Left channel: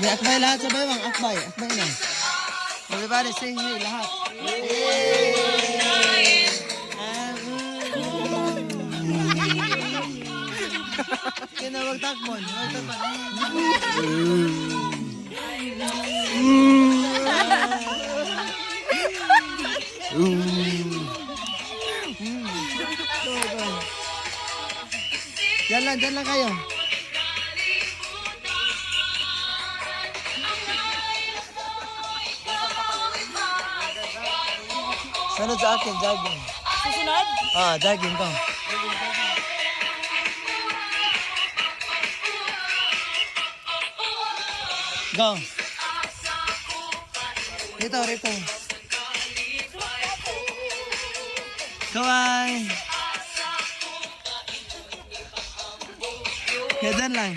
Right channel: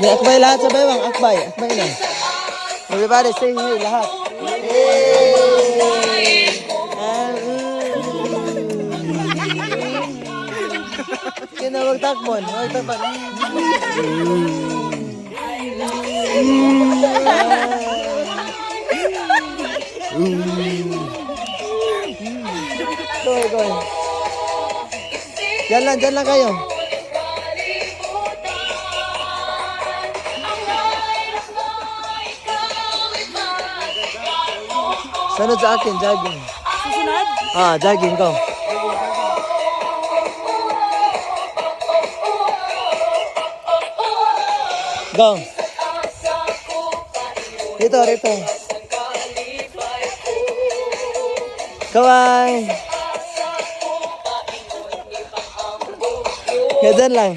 Di, akbay lahat sabay bang, akbay na. Everybody say hey lahat. Hey! Kina magtakbon. Go. Diyan lang kayo. Sunod sa akin, jogging. Susunod? Jogging ko. Go. Rito. Kaway. Ganyan lang.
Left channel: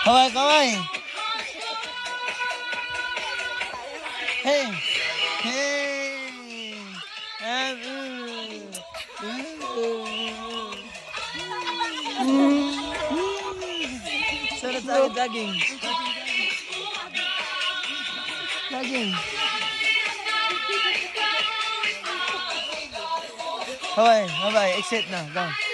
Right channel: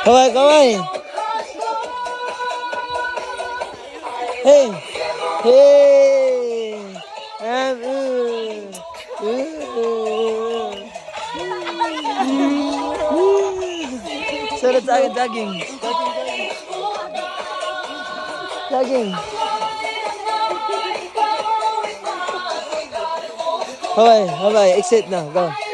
Kaway. Hey. Sunod sa akin, jogging. Okay, exit na, go.